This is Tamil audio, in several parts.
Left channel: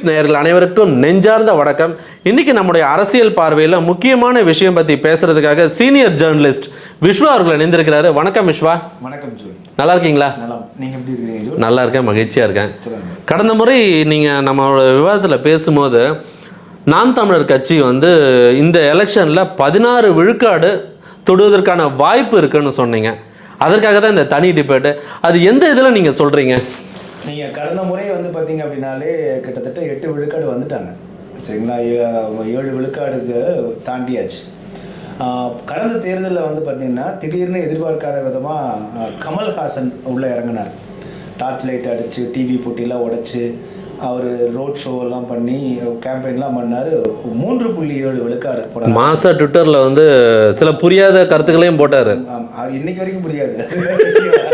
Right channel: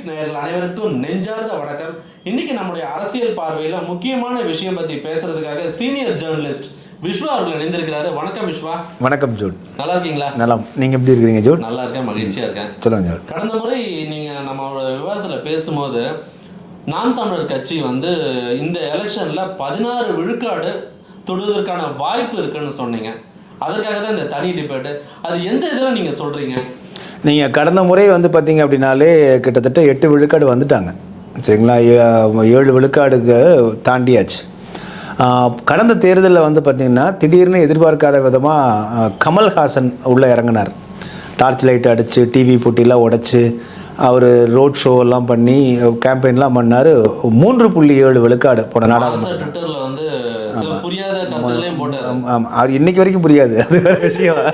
பீட்ஸ் நேயர்கள் அனைவருக்கும் நெஞ்சார்ந்த வணக்கம். இன்னைக்கு நம்முடைய அரசியல் பார்வையில் முக்கியமான விஷயம் பத்தி பேசுறதுக்காக சீனியர் ஜேர்னலிஸ்ட் விஸ்வா அவர்கள் இணைந்திருக்கிறாரு. வணக்கம் விஸ்வா வணக்கம் ஜூன். நல்லா இருக்கீங்களா? நலம். நீங்கள் எப்படி இருக்கிறீங்க ஜூன்? நல்லா இருக்கேன். மகிழ்ச்சியா இருக்கேன். சொல்லுங்க கடந்த முறை நீங்க நம்மளோட விவாதத்தில் பேசும்போது நாம் தமிழர் கட்சி வந்து இந்த எலெக்ஷன்ல பதினாறு விழுக்காடு தொடுவதற்கான வாய்ப்பு இருக்குன்னு சொன்னீங்க. அதற்காக தான் இந்த தனி டிபேட்டு. அது எந்த இதில் நீங்க சொல்றீங்க? நீங்கள் கடந்த முறை வந்து பார்த்தீங்க அப்படின்னாலே கிட்டத்தட்ட எட்டு விழுக்காடு வந்துட்டாங்க. சரிங்களா? ஏழு விழுக்காடுக்கு தாண்டியாச்சு. கடந்த தேர்தலில் வந்து பார்த்தீங்கன்னா திடீர்னு எதிர்பார்க்காத விதமாக கமல்ஹாசன் உள்ளே இறங்கினார். டார்ச் லைட் அடித்து டிவி போட்டிலாம் உடைச்சு அவர் ரோட் ஷோ எல்லாம் பண்ணி கேம்பெயின்லாம் பண்ணார். மூன்று புள்ளி ஏழு விழுக்காடு போன நாள். மாசா ட்விட்டர்ல வந்து சில புரியாத கருத்துக்களையும் போட்டாரு. ஆமாம் அது இன்னைக்கு வரைக்கும் புரியாது. அது விஷயம்.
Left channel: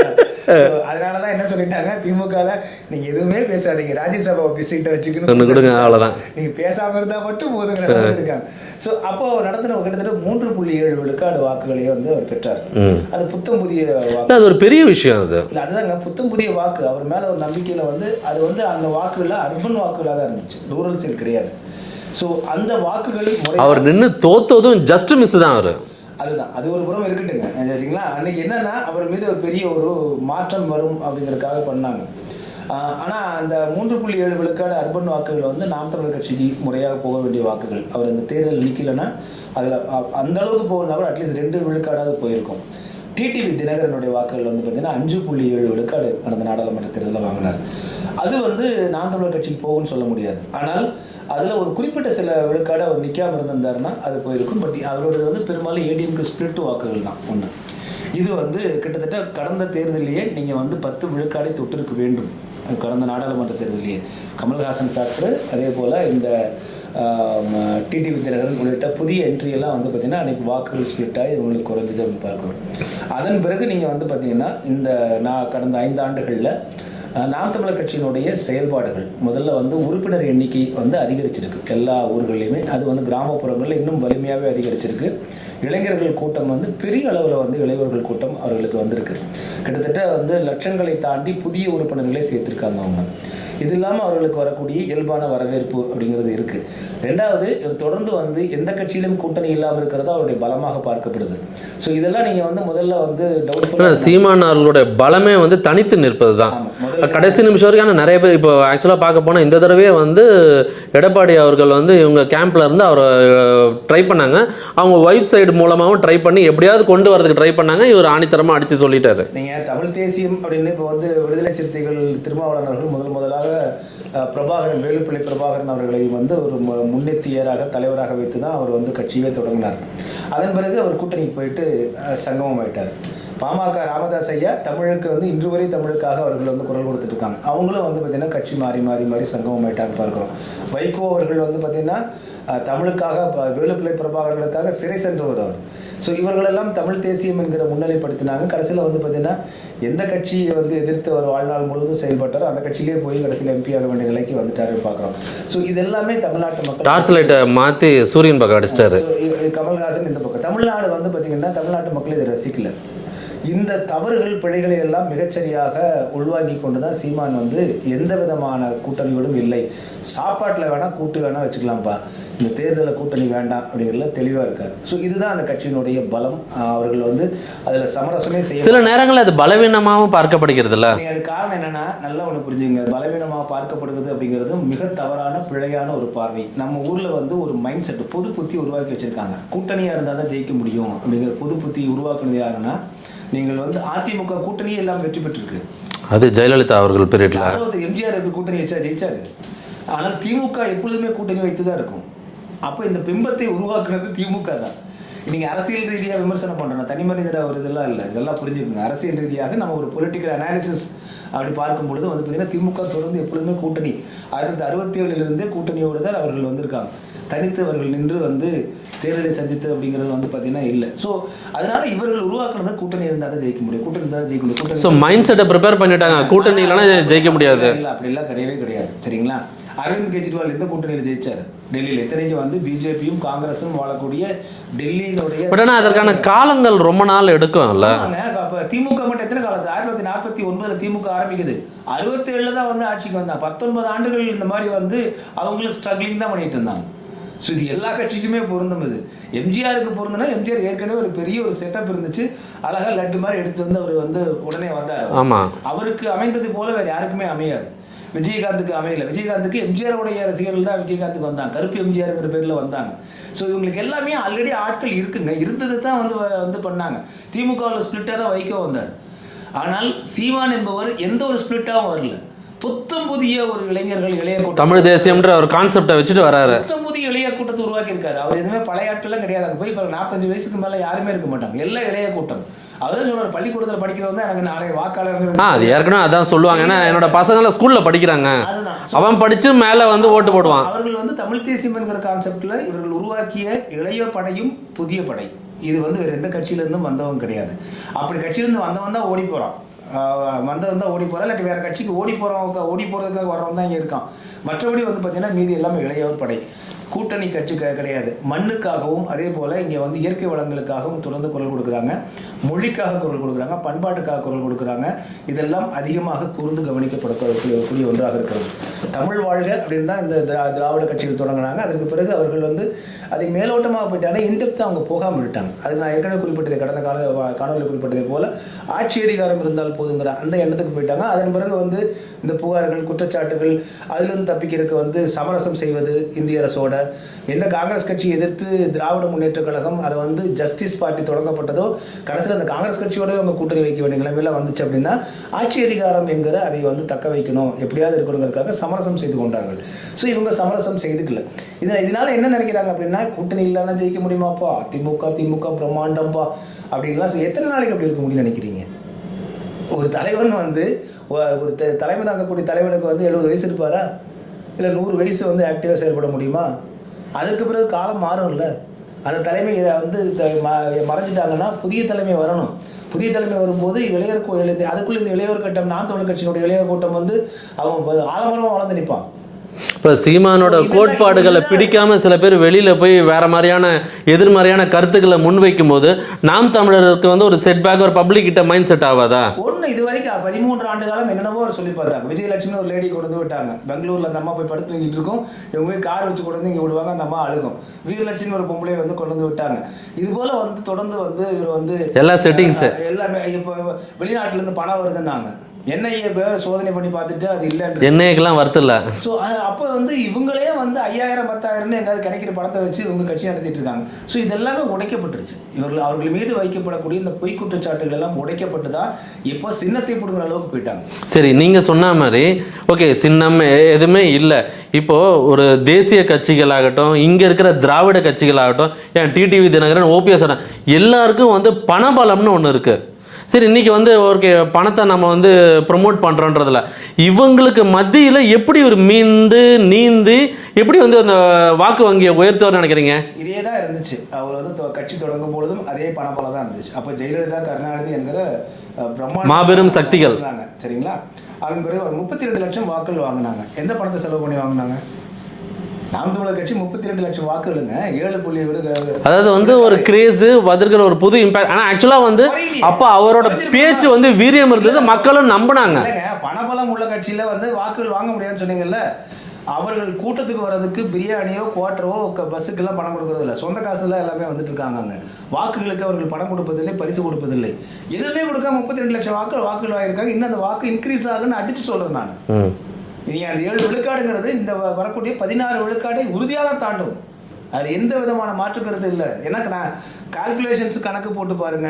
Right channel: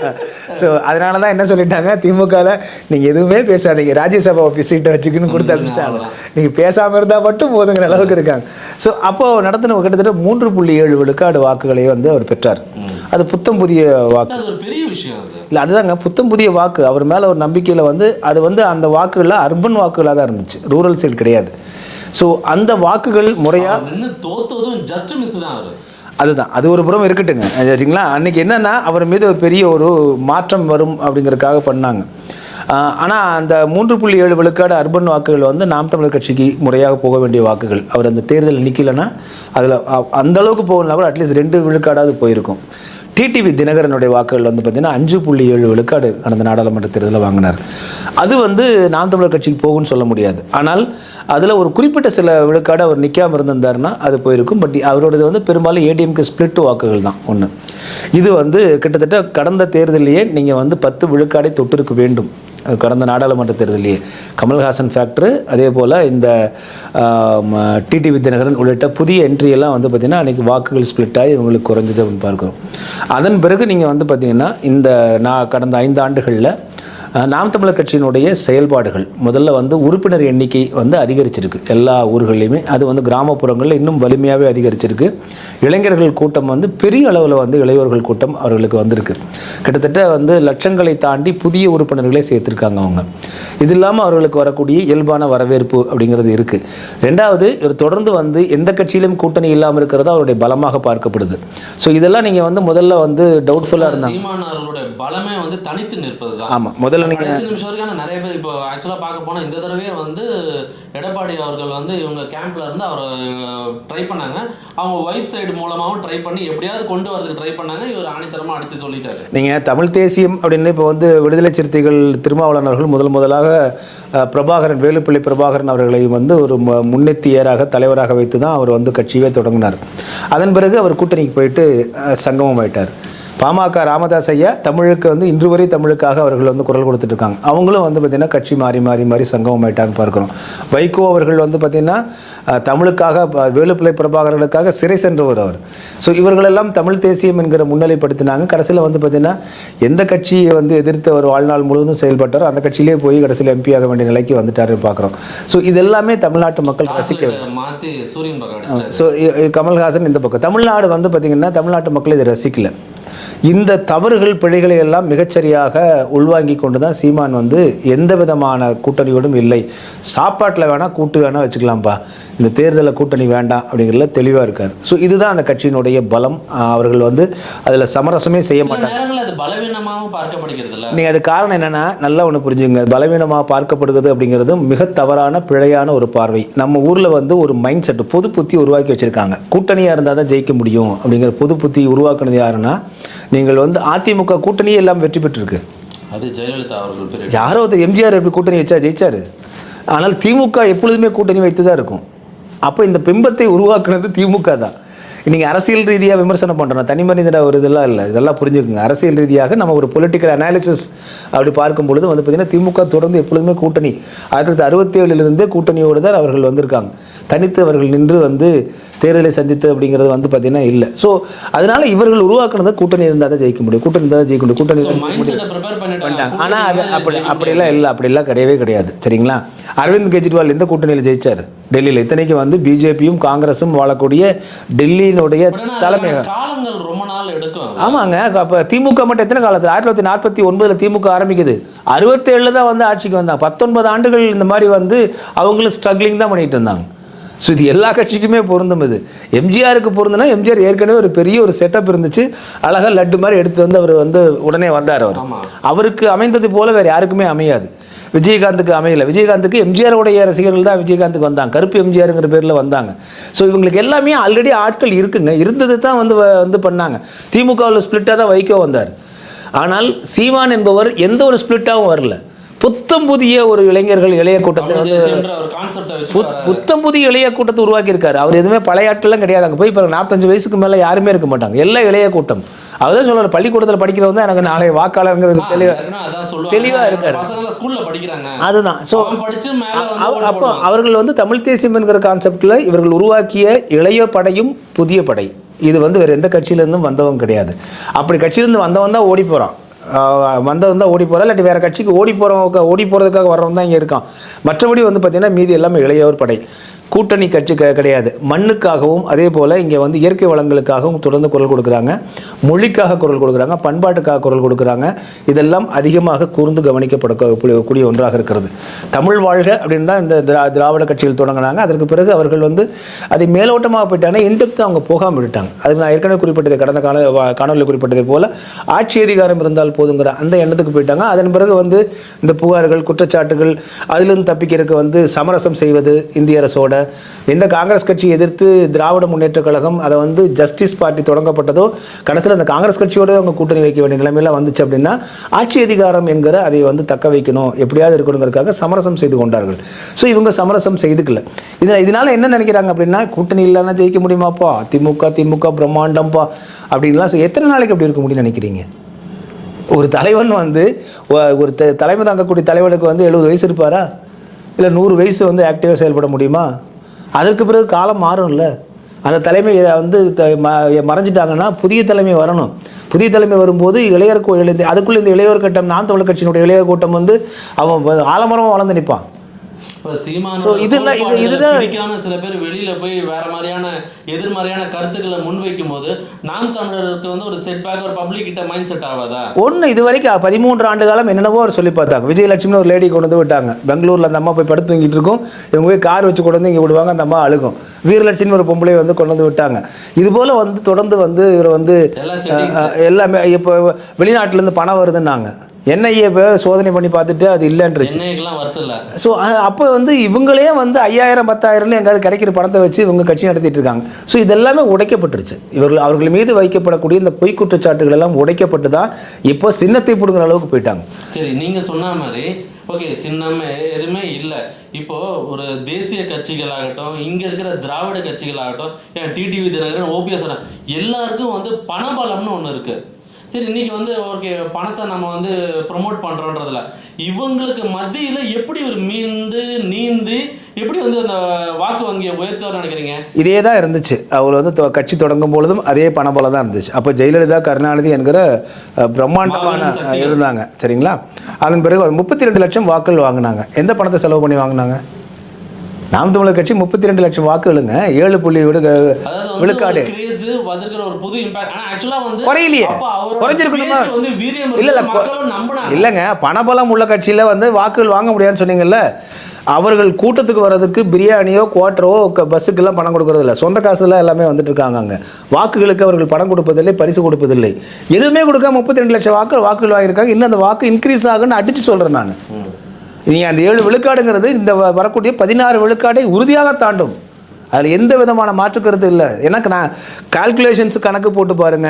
ஸோ அதனால தான் என்ன சொல்லிட்டாங்க? திமுகவில் நீங்கள் எதுவுமே பேசாதீங்க. ராஜ்யசபா சீட்டை கொடுத்துருங்க, கொடுத்தாங்க. நீங்கள் பேசாமல் இருந்தால் மட்டும் போதுங்கிற அளவுக்கு இருக்காங்க. ஸோ அப்போ நடத்தின கிட்டத்தட்ட மூன்று புள்ளி ஏழு விழுக்காடு வாக்குகளை வந்து அவர் பெற்றார். அது புத்தம் புதிய வாக்கு. அது ஒரு பெரிய விஷயம் அது. இல்லை அதுதாங்க. புத்தம் புதிய வாக்கு. அவர் மேலே ஒரு நம்பிக்கையில் வந்து அது வந்து அந்த வாக்குகளில் அர்பன் வாக்குகளாக தான் இருந்துச்சு. ரூரல் சைடு கிடையாது. ஸோ அந்த வாக்குகள் முறையாக நின்னு தோத்ததும் ஜஸ்ட் மிஸ் தான் அவரு. அதுதான். அது ஒரு புறம் இருக்கட்டுங்க. சரிங்களா? அன்னைக்கு என்னன்னா அவர் மீது ஒரு பெரிய ஒரு மாற்றம் வரும் அப்படிங்கிறதுக்காக பண்ணாங்க. ஆனால் அந்த மூன்று புள்ளி ஏழு விழுக்காடு அர்பன் வாக்குகள் வந்து நாம் தமிழர் கட்சிக்கு முறையாக போக வேண்டிய வாக்குகள். அவர் அந்த தேர்தல் நிற்கலைன்னா அதில் அந்த அளவுக்கு போகலனா கூட அட்லீஸ்ட் ரெண்டு விழுக்காடாவது போயிருக்கும். டிடிவி தினகரனுடைய வாக்குகள் வந்து பார்த்தீங்கன்னா அஞ்சு புள்ளி ஏழு விழுக்காடு கடந்த நாடாளுமன்ற தேர்தலில் வாங்கினார். அது வந்து நாம் தமிழர் கட்சிக்கு போகும்னு சொல்ல முடியாது. ஆனால் அதில் ஒரு குறிப்பிட்ட சில விழுக்காடு அவர் நிற்காம இருந்திருந்தாருன்னா அது போயிருக்கும். பட் அவரோடது வந்து பெரும்பாலும் ஏடிஎம்க்கு ஸ்பிளிட் வாக்குகள் தான். ஒன்று இது வந்து கிட்டத்தட்ட கடந்த தேர்தலையே நீங்கள் வந்து பத்து விழுக்காடை தொட்டிருக்க வேண்டும். கடந்த நாடாளுமன்ற தேர்தலையே கமல்ஹாசன் ஃபேக்டரு அதே போல் இந்த டிடி வித்யநகரன் உள்ளிட்ட புதிய என்ட்ரியெல்லாம் வந்து பார்த்திங்கன்னா அன்றைக்கி வாக்குகள் ஸ்ப்ளிட் ஆகி இவங்களுக்கு குறைஞ்சது அப்படின்னு பார்க்குறோம். அதன் பிறகு நீங்கள் வந்து பார்த்திங்கன்னா இந்த நான் கடந்த ஐந்து ஆண்டுகளில் நாம் தமிழர் கட்சியினுடைய செயல்பாடுகள் முதல்ல வந்து உறுப்பினர் எண்ணிக்கை வந்து அதிகரிச்சிருக்கு. எல்லா ஊர்கள்லையுமே அது வந்து கிராமப்புறங்களில் இன்னும் வலிமையாகவே அதிகரிச்சிருக்கு. இளைஞர்கள் கூட்டம் வந்து பெரிய அளவில் வந்து இளையோர்கள் கூட்டம் அவர்களுக்கு வந்திருக்கு. கிட்டத்தட்ட வந்து லட்சங்களை தாண்டி புதிய உறுப்பினர்களை சேர்த்துருக்காங்க அவங்க. இது இல்லாமல் அவர்களுக்கு வரக்கூடிய இயல்பான வரவேற்பு அப்படிங்கிறது இருக்குது ரெண்டாவது தொடர்ந்து வந்து எந்த கட்சியிலும் கூட்டணி இல்லாமல் இருக்கிறது அவருடைய பலமாக பார்க்கப்படுது. ஸோ இதெல்லாம் நீங்கள் வந்து முதல்ல வந்து டவுட்ஃபுல்லாக சீமான் அவர்களுடைய பலமே வந்து தனித்து நிற்பது தான் ஆமாம் முதல்ல கடைசி நிமிஷம் வரைக்கும் ஆனா நிறைய பேர் இப்போ ஆக்சுவலாக பார்க்க போனால் இந்த தடவையே வந்து எடப்பாடி அவர்கள் வந்து இவங்க கேம்ப்ல இருந்து அவரை ட்ரை பண்ணாங்க. அவங்க ஒய்ஃப் சைடு மூலமாகவும் ட்ரை பண்ணி எப்படியாவது கொண்டு வரதுக்கு ட்ரை பண்ணாங்க. இவர் ஆணித்தரமாக அடித்து சொல்லிட்டாரு. நீங்கள் தமிழ் தேசியம் அப்படின்னு இப்போ வந்து விடுதலை சிறுத்தைகள் திருமாவளவன் அவர்கள் முதல் முதலாக பிரபாகரன் வேலுப்பிள்ளை பிரபாகரன் அவர்களை வந்து ஒரு முன்னெத்தியராக தலைவராக வைத்து தான் அவர் வந்து கட்சியே தொடங்கினார். அதன் பிறகு அவர் கூட்டணிக்கு போயிட்டு சங்கமம் ஆயிட்டார். பாமக ராமதாஸ் ஐயா தமிழுக்கு வந்து இன்று வரை தமிழுக்காக அவர்கள் வந்து குரல் கொடுத்துட்டு இருக்காங்க அவங்களும் வந்து பார்த்திங்கன்னா கட்சி மாறி மாறி மாறி சங்கமம் ஆயிட்டான்னு பார்க்குறோம். வைகோ அவர்கள் வந்து பார்த்திங்கன்னா தமிழுக்காக வேலுப்பிள்ளை பிரபாகரனுக்காக சிறை சென்றவர் அவர். ஸோ இவர்களெல்லாம் தமிழ் தேசியம் என்கிற முன்னிலைப்படுத்தினாங்க. கடைசியில் வந்து பார்த்திங்கன்னா எந்த கட்சியை வந்து எதிர்த்து அவர் வாழ்நாள் முழுவதும் செயல்பட்டாரோ அந்த கட்சியிலே போய் கடைசியில் எம்பி ஆக வேண்டிய நிலைக்கு வந்துட்டாரு பார்க்குறோம். ஸோ இதெல்லாமே தமிழ்நாட்டு மக்கள் மாற்றி சூரியன் பக்கம் ஸோ கமல்ஹாசன் இந்த பக்கம். தமிழ்நாடு வந்து பார்த்திங்கன்னா தமிழ்நாட்டு மக்கள் இதை ரசிக்கல. இந்த தவறுகள் பிழைகளை எல்லாம் மிகச்சரியாக உள்வாங்கி கொண்டு தான் சீமான் வந்து எந்த விதமான கூட்டணியோடும் இல்லை. சாப்பாட்டில் வேணால் கூட்டு வேணால் வச்சுக்கலாம்ப்பா. இந்த தேர்தலில் கூட்டணி வேண்டாம் அப்படிங்கிறதுல தெளிவாக இருக்கார். ஸோ இதுதான் அந்த கட்சியினுடைய பலம். அவர்கள் வந்து அதில் சமரசமே செய்ய சில நேரங்களில் அது பலவீனமாகவும் பார்க்கப்படுகிறது இல்ல நீங்கள் அது காரணம் என்னென்னா நல்லா ஒன்று புரிஞ்சுங்க. பலவீனமாக பார்க்கப்படுகிறது அப்படிங்கிறது மிக தவறான பிழையான ஒரு பார்வை. நம்ம ஊரில் வந்து ஒரு மைண்ட் செட் பொது புத்தி உருவாக்கி வச்சுருக்காங்க. கூட்டணியாக இருந்தால் தான் ஜெயிக்க முடியும் அப்படிங்கிற பொது புத்தி உருவாக்குனது யாருன்னா நீங்கள் வந்து அதிமுக கூட்டணியே எல்லாம் வெற்றி பெற்றிருக்கு. அது ஜெயலலிதா அவர்கள் பெரிய யாரோ எம்ஜிஆர் எப்படி கூட்டணி வச்சா ஜெயிச்சாரு? ஆனால் திமுக எப்பொழுதுமே கூட்டணி வைத்து தான் இருக்கும். அப்போ இந்த பிம்பத்தை உருவாக்குனது திமுக தான். நீங்கள் அரசியல் ரீதியாக விமர்சனம் பண்ணுறோம் தனி மனிதன ஒரு இதெல்லாம் இல்லை. இதெல்லாம் புரிஞ்சுக்கோங்க. அரசியல் ரீதியாக நம்ம ஒரு பொலிட்டிக்கல் அனாலிசிஸ் அப்படி பார்க்கும் பொழுது வந்து பார்த்திங்கன்னா திமுக தொடர்ந்து எப்பொழுதுமே கூட்டணி. ஆயிரத்தி தொள்ளாயிரத்தி அறுபத்தேழுலேருந்தே கூட்டணியோடு தான் அவர்கள் வந்திருக்காங்க. தனித்து அவர்கள் நின்று வந்து தேர்தலை சந்தித்து அப்படிங்கிறது வந்து பார்த்தீங்கன்னா இல்லை. ஸோ அதனால இவர்கள் உருவாக்குனது கூட்டணி இருந்தால் தான் ஜெயிக்க முடியும். கூட்டணி இருந்தால் தான் ஜெயிக்க முடியும். கூட்டணி மைண்ட் செட்டை ப்ரிப்பேர் பண்ணிட்டாங்க. கூட்டணி அப்படிலாம் இல்லை. அப்படிலாம் கிடையவே கிடையாது. சரிங்களா? அரவிந்த் கெஜ்ரிவால் எந்த கூட்டணியில் ஜெயிச்சார். டெல்லியில் இத்தனைக்கு வந்து பிஜேபியும் காங்கிரஸும் வாழக்கூடிய டெல்லியினுடைய காலங்கள் ரொம்ப நாள் எடுக்கும்ல ஆமாங்க. அப்போ திமுக மட்டும் எத்தனை காலத்தில் ஆயிரத்தி தொள்ளாயிரத்தி நாற்பத்தி ஒன்பதுல திமுக ஆரம்பிக்குது. அறுபத்தேழுல தான் வந்து ஆட்சிக்கு வந்தாங்க. பத்தொன்பது ஆண்டுகள் இந்த மாதிரி வந்து அவங்களும் ஸ்ட்ரகிளிங் தான் பண்ணிட்டு இருந்தாங்க. ஸோ இது எல்லா கட்சிக்குமே பொருந்தும் இது. எம்ஜிஆருக்கு பொருந்துனா எம்ஜிஆர் ஏற்கனவே ஒரு பெரிய ஒரு செட்டப் இருந்துச்சு. அழகா லட்டு மாதிரி எடுத்து வந்து அவர் வந்து உடனே வந்தார் அவர். ஆமா. அவருக்கு அமைந்தது போல வேற யாருக்குமே அமையாது. விஜயகாந்துக்கு அமையல. விஜயகாந்துக்கு எம்ஜிஆருடைய ரசிகர்கள் தான் விஜயகாந்துக்கு வந்தாங்க. கருப்பு எம்ஜிஆருங்கிற பேரில் வந்தாங்க. ஸோ இவங்களுக்கு எல்லாமே ஆல்ரெடி ஆட்கள் இருக்குங்க. இருந்தது தான் வந்து வந்து பண்ணாங்க. திமுகவில் ஸ்பிளிட்டாக தான் வைகோ வந்தார். ஆனால் சீமான் என்பவர் எந்த ஒரு ஸ்பிளிட்டாகவும் வரல. புத்தம் புதிய ஒரு இளைஞர்கள் இளைய கூட்டம் தமிழ் தேசியம்ன்ற ஒரு கான்செப்டை வச்சுட்டு வராரு. புத்தம் புதிய இளைய கூட்டத்தை உருவாக்கி இருக்காரு அவர் எதுவுமே பழைய ஆட்கள்லாம் கிடையாது. அங்கே போய் இப்போ நாற்பத்தஞ்சு வயசுக்கு மேலே யாருமே இருக்க மாட்டாங்க. எல்லாம் இளைய கூட்டம். அவர்தான் சொல்றாரு பள்ளிக்கூடத்தில் படிக்கிறவங்க எனக்கு நாளை வாக்காளருங்கிறது ஏற்கனவே அதான் சொல்லுவாங்க. என்னோட இருக்காரு. பசங்க ஸ்கூல்ல படிக்கிறாங்க. அதுதான். அவன் படிச்சு மேல வந்து ஓட்டு போடுவான். அவர்கள் வந்து தமிழ் தேசியம் என்கிற கான்செப்ட்ல இவர்கள் உருவாக்கிய இளைய படையும் புதிய படை. இது வந்து வேற எந்த கட்சியில இருந்தும் வந்தவன் கிடையாது. அப்படி கட்சியிலிருந்து வந்தவன் தான் ஓடி போறான். ஆஹ் வந்தவன் தான் ஓடி போகிறா இல்லாட்டி வேறு கட்சிக்கு ஓடி போகிறவங்க ஓடி போகிறதுக்காக வர்றவன் தான் இங்கே இருக்கான். மற்றபடி வந்து பார்த்தீங்கன்னா மீதி எல்லாமே இளையவர் படை. கூட்டணி கட்சி க- கிடையாது. மண்ணுக்காகவும் அதே போல் இங்கே வந்து இயற்கை வளங்களுக்காகவும் தொடர்ந்து குரல் கொடுக்குறாங்க. மொழிக்காக குரல் கொடுக்குறாங்க. பண்பாட்டுக்காக குரல் கொடுக்குறாங்க. இதெல்லாம் அதிகமாக கூர்ந்து கவனிக்கப்படக்கூடிய கூடிய ஒன்றாக இருக்கிறது. தமிழ் வாழ்க அப்படின்னு தான் இந்த திரா திராவிட கட்சியில் தொடங்கினாங்க. அதற்கு பிறகு அவர்கள் வந்து அதை மேலோட்டமாக போயிட்டாங்கன்னா இன்டெப்த்து அவங்க போகாமல் விட்டாங்க அதுக்கு நான் ஏற்கனவே குறிப்பிட்டது கடந்த கால காணொலியில் குறிப்பிட்டதை போல ஆட்சி அதிகாரம் இருந்தால் போதுங்கிற அந்த எண்ணத்துக்கு போயிட்டாங்க. அதன் பிறகு வந்து இந்த புகார்கள் குற்றச்சாட்டுகள் அதிலிருந்து தப்பிக்கிறதுக்கு வந்து சமரசம் செய்வது இந்திய அரசோட. எந்த காங்கிரஸ் கட்சி எதிர்த்து திராவிட முன்னேற்ற கழகம் அதை வந்து ஜஸ்டிஸ் பார்ட்டி தொடங்கப்பட்டதோ கடைசியில் அந்த காங்கிரஸ் கட்சியோட அவங்க கூட்டணி வைக்க வேண்டிய நிலைமையெல்லாம் வந்துச்சு அப்படின்னா ஆட்சி அதிகாரம் என்கிற அதை வந்து தக்க வைக்கணும். எப்படியாவது இருக்கணுங்கிறதுக்காக சமரசம் செய்து கொண்டார்கள். ஸோ இவங்க சமரசம் செய்துக்கல. இது இதனால என்ன நினைக்கிறாங்க அப்படின்னா கூட்டணி இல்லைன்னா ஜெயிக்க முடியுமாப்பா? திமுக திமுக பிரம்மாண்டம்ப்பா அப்படின்லாம் ஸோ எத்தனை நாளைக்கு அப்படி இருக்க முடியும்னு நினைக்கிறீங்க? ஒரு தலைவன் வந்து ஒரு த- தலைமை தாங்கக்கூடிய தலைவனுக்கு வந்து எழுபது வயசு இருப்பாரா? இல்லை நூறு வயசு வந்து ஆக்டிவாக செயல்பட முடியுமா? அதற்கு பிறகு காலம் மாறும்ல. அந்த தலைமை வந்து த- மறைஞ்சிட்டாங்கன்னா புதிய தலைமை வரணும். புதிய தலைமை வரும்போது இளையர் கோ- இளைய அதுக்குள்ளே இந்த இளையோர் கட்டம் நாம் தமிழர் கட்சியினுடைய இளையோர் கூட்டம் வந்து அவன் ஆலமரமாக வளர்ந்து நிற்பான் இப்ப சீமானோட கோட்பாடுகளை பிடிக்காம சில பேர் வெளியில போய் வேற மாதிரியான எதிர்மறையான கருத்துக்களை முன்வைக்கும் போது நாம் தமிழருக்கு வந்து ஒரு செட்பேக் ஒரு பப்ளிக் கிட்ட மைண்ட் செட் ஆகாதா? ஒன்று இது வரைக்கும் பதிமூன்று ஆண்டு காலம் என்னென்னவோ அவர் சொல்லி பார்த்தாங்க. விஜயலட்சுமி ஒரு லேடி கொண்டு வந்து விட்டாங்க. பெங்களூரில் அந்த அம்மா போய் படுத்து தூங்கிட்டு இருக்கும். இவங்க போய் கார் வச்சு கொண்டு வந்து இங்கே விடுவாங்க அந்த அம்மா அழுகும். வீரலட்சுமி ஒரு பொம்பளையை வந்து கொண்டு வந்து விட்டாங்க. இது போல் வந்து தொடர்ந்து வந்து இவர் வந்து எல்லா செட்டிங்ஸ் எல்லாமே இப்போ வெளிநாட்டிலேருந்து பணம் வருதுன்னாங்க. என்ஐஏ சோதனை பண்ணி பார்த்துட்டு அது இல்லைன்ற எண்ணெய்க்கெல்லாம் வருத்தில்ல. ஸோ அப்போ வந்து இவங்களே வந்து ஐயாயிரம் பத்தாயிரம்னு எங்காவது கிடைக்கிற பணத்தை வச்சு இவங்க கட்சி நடத்திட்டு இருக்காங்க. ஸோ இதெல்லாமே உடைக்கப்பட்டுருச்சு. இவர்கள் அவர்கள் மீது வைக்கப்படக்கூடிய இந்த பொய் குற்றச்சாட்டுகள் எல்லாம் உடைக்கப்பட்டு தான் இப்போ சின்னத்தை பிடுங்குற அளவுக்கு போயிட்டாங்க. சரி நீங்க சொன்ன மாதிரி ஓகே சின்னம் எதுவுமே இல்லை. இப்போ ஒரு தேசிய கட்சிகளாகட்டும் இங்க இருக்கிற திராவிட கட்சிகளாகட்டும் ஏன் டிடிவி தினகரன் ஓபிஎஸ் எல்லாருக்கும் வந்து பணபலம்னு ஒன்று இருக்கு. சரி இன்னைக்கு வந்து ஓகே பணத்தை நம்ம வந்து ப்ரொமோட் பண்றோன்றதுல இவங்களுக்கு மத்தியில எப்படி ஒரு மீண்டு நீந்து எப்படி வந்து அந்த வாக்கு வங்கியை உயர்த்துவார்னு நினைக்கிறீங்க? இதே தான் இருந்துச்சு. அவர் வந்து கட்சி தொடங்கும் பொழுதும் அதே பணபலம் தான் இருந்துச்சு. அப்போ ஜெயலலிதா கருணாநிதி என்கிற அஹ், பிரம்மாண்டமான மாபெரும் சக்திகள். இருந்தாங்க. சரிங்களா? அதன் பிறகு முப்பத்தி ரெண்டு லட்சம் வாக்குகள் வாங்கினாங்க. எந்த பணத்தை செலவு பண்ணி வாங்கினாங்க? நாம் தமிழர் கட்சி முப்பத்தி ரெண்டு லட்சம் வாக்குகளுங்க ஏழு புள்ளி விடு அதாவது வந்து ஒரு கிரேஸ் வந்திருக்கிற ஒரு புது இம்பாக்ட் ஆனா ஆக்சுவலா வந்து. அப்ப அவரோட? பேச்சு வந்து வீரியம் இல்ல, மக்களும் நம்பினாங்க. இல்லைங்க. பணபலம் உள்ள கட்சியில் வந்து வாக்குகள் வாங்க முடியாதுன்னு சொன்னீங்கல்ல அவர்கள் கூட்டத்துக்கு வர்றதுக்கு பிரியாணியோ குவாட்டரோ பஸ்ஸுக்கெல்லாம் பணம் கொடுக்கறது இல்லை சொந்த காசுல எல்லாமே வந்துட்டு இருக்காங்க அங்கே. வாக்குகளுக்கு அவர்கள் பணம் கொடுப்பதில்லை பரிசு கொடுப்பதில்லை. எதுவுமே கொடுக்காம முப்பத்தி ரெண்டு லட்சம் வாக்கு வாக்குகள் வாங்கியிருக்காங்க. இன்னும் அந்த வாக்கு இன்க்ரீஸ் ஆகுன்னு அடிச்சு சொல்கிறேன் நான். நீங்கள் அந்த ஏழு விழுக்காடுங்கிறது இந்த வரக்கூடிய பதினாறு விழுக்காடை உறுதியாக தாண்டும். அதில் எந்த விதமான மாற்று கருத்து இல்லை. எனக்கு நான் கால்குலேஷன்ஸ் கணக்கு போட்டு பாருங்க.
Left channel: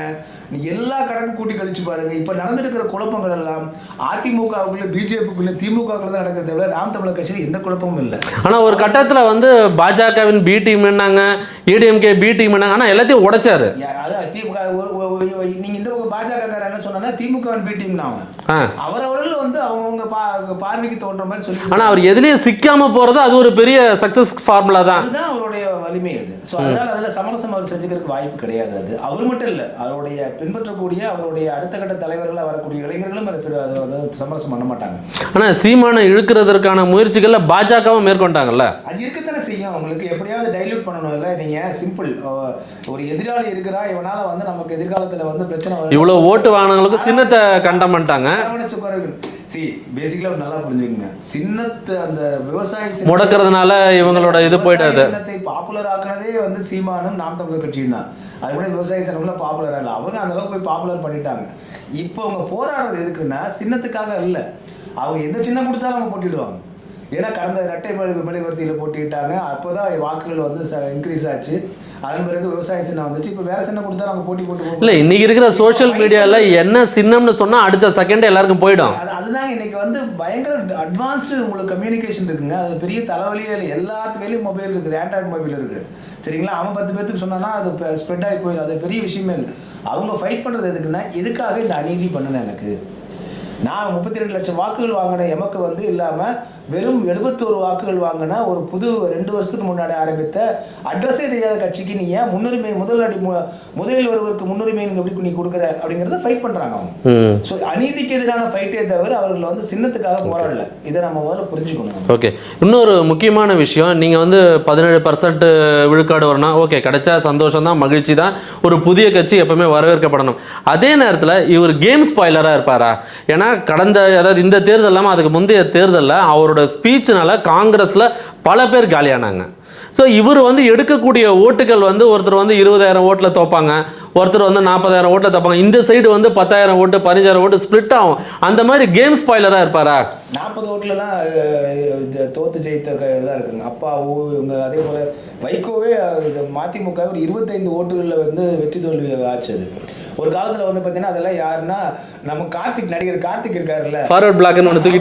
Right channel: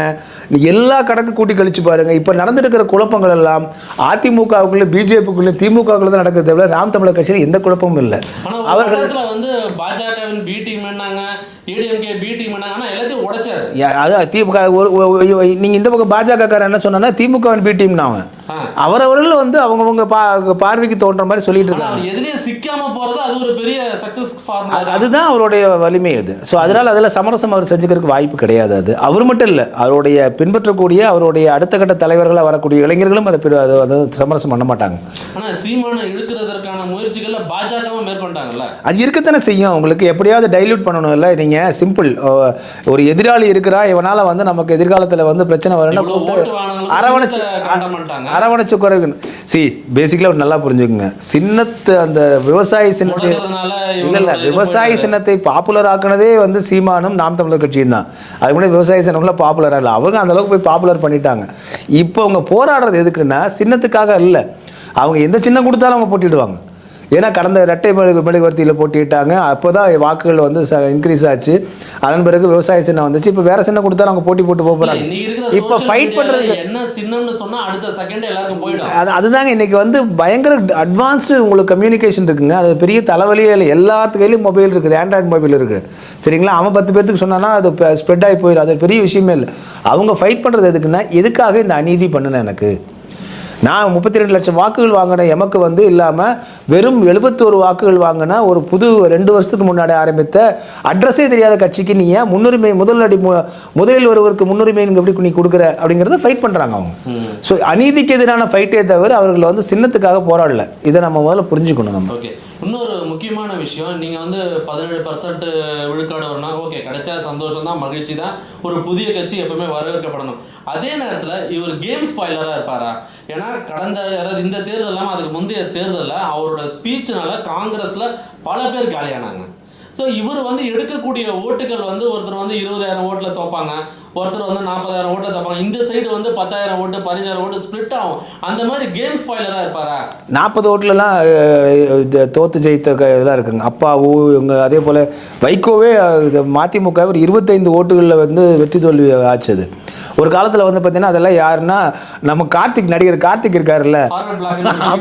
நீ எல்லா கணக்கு கூட்டி கழிச்சு பாருங்க. இப்போ நடந்துருக்கிற குழப்பங்கள் எல்லாம் அதிமுகவுக்குள்ள பிஜேபிக்குள்ள திமுகவுக்குள்ள தான் நடக்கிறத விட நாம் தமிழர் கட்சியில் எந்த குழப்பமும் இல்லை. ஆனா ஒரு கட்டத்துல வந்து பாஜகவின் பி டீம்னாங்க ஏடிஎம்கே பி டீம் ஆனா எல்லாத்தையும் உடைச்சாரு. அது திமுக ஒரு ஒரு- ஒரு- நீங்க இந்த பக்கம் பாஜக காரர் என்ன சொன்னா திமுக பி டீம் அவன். ஆ. அவரவர்கள் வந்து அவங்கவுங்க பா பார்வைக்கு தோன்ற மாதிரி சொல்லிட்டு ஆனா இருக்காங்க. அவர் எதுலயும் சிக்காம போறது அது ஒரு பெரிய சக்சஸ் ஃபார்முலா தான். அதுதான் அவருடைய வலிமை அது. ஸோ அதனால அதில் சமரசம் அவர் செஞ்சுக்கிறதுக்கு வாய்ப்பு கிடையாது அது. அவர் மட்டும் இல்லை அவருடைய பின்பற்றக்கூடிய அவருடைய அடுத்த கட்ட தலைவர்களாக வரக்கூடிய இளைஞர்களும் அதை அதை சமரசம் பண்ண மாட்டாங்க. ஆனா சீமானை இழுக்கிறதற்கான முயற்சிகள்ல பாஜகவும் மேற்கொண்டாங்கல்ல? அது இருக்கத்தானே செய்யும். உங்களுக்கு எப்படியாவது டைல்யூட் பண்ணணும்ல நீங்கள் சிம்பிள் ஒரு எதிராளி இருக்கிறா இவனால வந்து நமக்கு எதிர்காலத்தில் வந்து பிரச்சனை வரும் இவ்வளவு ஓட்டு வாங்கினவங்களுக்கு அரவணைச்சு- கண்டம் பண்ணிட்டாங்க. அரவணைச்சு குறைவு சி பேசிக்கலாக நல்லா புரிஞ்சுக்குங்க. சின்னத்து அந்த விவசாய சின்னத்தை முடக்கிறதுனால இவங்களோட விவசாய சின்னத்தை பாப்புலர் ஆக்குனதே வந்து சீமானும் நாம் தமிழர் கட்சியும் தான். அது கூட விவசாய சின்னம்ல பாப்புலராக இல்லை. அவங்க அந்த அளவுக்கு போய் பாப்புலர் பண்ணிட்டாங்க. இப்போ அவங்க போராடுறது எதுக்குன்னா சின்னத்துக்காக இல்லை. அவங்க எந்த சின்னம் கொடுத்தாலும் அவங்க போட்டிடுவாங்க. ஏன்னா கடந்த இரட்டை மெழுகு மெழுகுவர்த்தியில் போட்டிட்டாங்க அப்போ தான் வாக்குகள் வந்து இன்க்ரீஸ் ஆச்சு. அதன் பிறகு விவசாய சின்னம் வந்துச்சு. இப்போ வேற சின்னம் கொடுத்தாலும் அவங்க போட்டி போட்டு போகல இன்னைக்கு இருக்கிற சோஷியல் பண்றது- என்ன சின்னம்னு சொன்னா அடுத்த செகண்ட் எல்லாருக்கும் போயிடும். அது அதுதாங்க இன்னைக்கு வந்து பயங்கர அட்வான்ஸ்டு உங்களுக்கு கம்யூனிகேஷன் இருக்குங்க. அது பெரிய தலைவலியே இல்லை. எல்லாத்து கையிலும் மொபைல் இருக்குது. ஆண்ட்ராய்டு மொபைல் இருக்குது சரிங்களா? அவன் பத்து பேர்த்துக்கு சொன்னானா அது ஸ்ப்ரெட் ஆகி போயிடும் அது பெரிய விஷயமே இல்லை. அவங்க ஃபைட் பண்ணுறது எதுக்குன்னா எதுக்காக இந்த அநீதி பண்ணுனேன் எனக்கு? நான் முப்பத்தி ரெண்டு லட்சம் வாக்குகள் வாங்கின எமக்கு வந்து இல்லாமல் வெறும் எழுபத்தோரு வாக்குகள் வாங்கின ஒரு புது ரெண்டு வருஷத்துக்கு முன்னாடி ஆரம்பித்த அட்ரஸே தெரியாத கட்சிக்கு நீ ஏன் முன்னுரிமை முதல் அடி முதலில் ஒருவருக்கு முன்னுரிமை எப்படி நீ கொடுக்குற அப்படிங்கிறத ஃபைட் பண்ணுறாங்க அவங்க. ஸோ அநீதிக்கு எதிரான ஃபைட்டே தவிர அவர்கள் வந்து சின்னத்துக்காக போராடல. இதை நம்ம முதல்ல புரிஞ்சுக்கணும் நம்ம. ஓகே இன்னொரு முக்கியமான விஷயம் நீங்கள் வந்து பதினேழு பர்சன்ட் விழுக்காடு வரணும். ஓகே கிடைச்சா சந்தோஷம் தான் மகிழ்ச்சி தான் ஒரு புதிய கட்சி எப்பவுமே வரவேற்கப்படணும். அதே நேரத்தில் இவர் கேம் ஸ்பாய்லராக இருப்பாரா? ஏன்னா கடந்த அதாவது இந்த தேர்தல் இல்லாமல் அதுக்கு முந்தைய தேர்தலில் அவரோட ஸ்பீச்னால காங்கிரஸில் பல பேர் காலியானாங்க. ஸோ இவர் வந்து எடுக்கக்கூடிய ஓட்டுகள் வந்து ஒருத்தர் வந்து இருபதாயிரம் ஓட்டில் தோப்பாங்க ஒருத்தர் வந்து நாற்பதாயிரம் ஓட்டில் தோப்பாங்க. இந்த சைடு வந்து பத்தாயிரம் ஓட்டு பதினஞ்சாயிரம் ஓட்டு ஸ்ப்ளிட் ஆகும். அந்த மாதிரி கேம் ஸ்பாயிலராக இருப்பாரா? நாற்பது ஓட்டுலலாம் இது தோத்து ஜெயித்த இதாக இருக்குங்க. அப்பாவு இவங்க அதே போல் வைகோவே இது மதிமுக ஒரு இருபத்தைந்து ஓட்டுகளில் வந்து வெற்றி தோல்வி ஆச்சு அது. ஒரு காலத்தில் வந்து பார்த்தீங்கன்னா அதெல்லாம் யாருன்னா நம்ம கார்த்திக் நடிகர் கார்த்திக் இருக்காருல்ல. ஃபார்வர்ட்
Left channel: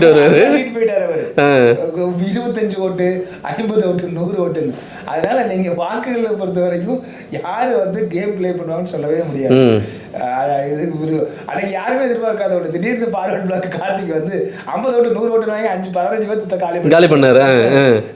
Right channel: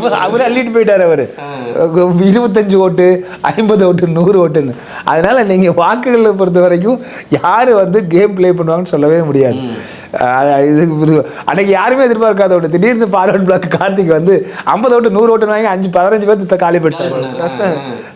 வருவாரு. அள்ளிட்டு போயிட்டாரு அவரு. இருபத்தஞ்சு ஓட்டு ஐம்பது ஓட்டு நூறு ஓட்டுன்னு. அதனால நீங்க வாக்குகளை பொறுத்த வரைக்கும் யாரு வந்து கேம் ப்ளே பண்ணுவாங்கன்னு சொல்லவே முடியாது. இது அன்னைக்கு யாருமே எதிர்பார்க்காத ஓட்டு திடீர்னு ஃபார்வர்ட் பிளாக் கார்த்திக் வந்து ஐம்பது ஓட்டு நூறு ஓட்டு வாங்கி அஞ்சு பதினஞ்சு பேர்த்து காலி காலி பண்ணாரு.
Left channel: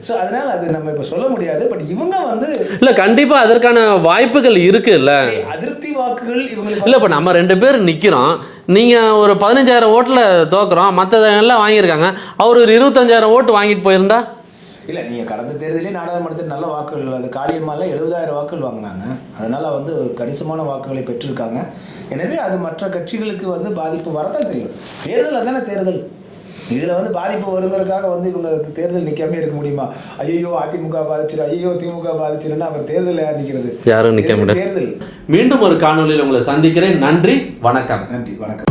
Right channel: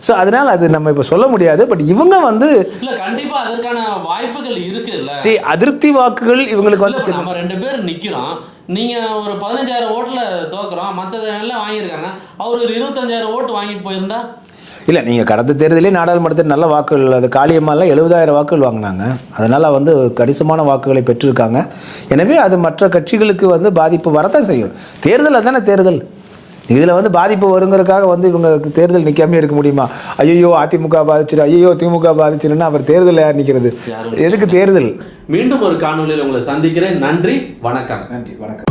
ஸோ அதனால அது நம்ம இப்போ சொல்ல முடியாது. பட் இவங்க வந்து இல்ல கண்டிப்பா அதற்கான வாய்ப்புகள் இருக்கு இல்ல அதிருப்தி வாக்குகள் இவங்களுக்கு இல்லை இப்போ நம்ம ரெண்டு பேர் நிற்கிறோம் நீங்கள் ஒரு பதினஞ்சாயிரம் ஓட்டில் தோக்குறோம். மற்றதெல்லாம் எல்லாம் வாங்கியிருக்காங்க. அவர் ஒரு இருபத்தஞ்சாயிரம் ஓட்டு வாங்கிட்டு போயிருந்தா? இல்லை நீங்கள் கடந்த தேர்தலே நாடாளுமன்றத்தில் நல்ல வாக்குகள் அது காளியம்மாவில் எழுபதாயிரம் வாக்குகள் வாங்கினாங்க. அதனால் வந்து கணிசமான வாக்குகளை பெற்றிருக்காங்க. எனவே அது மற்ற கட்சிகளுக்கு வந்து பாதிப்பு வரத்தான் செய்யும். தேர்தல் அதானே தேர்தல்? இதில் வந்து பாதிப்பு வருங்கிறதுக்காக வந்து இவங்க தேர்தல் நிற்காம இருக்க முடியுமா? ஐயோ அதிமுக பாதிச்சிரு ஐயோ திமுக பாதிச்சிருன்னா அவர் தேர்தல் யார் நிற்கிறது எதுக்கு. தேர்தல்? மீண்டும் ஒரு காணொலியில் உங்களை சந்திக்கிறேன். நன்றி வணக்கம். நன்றி வணக்கம்.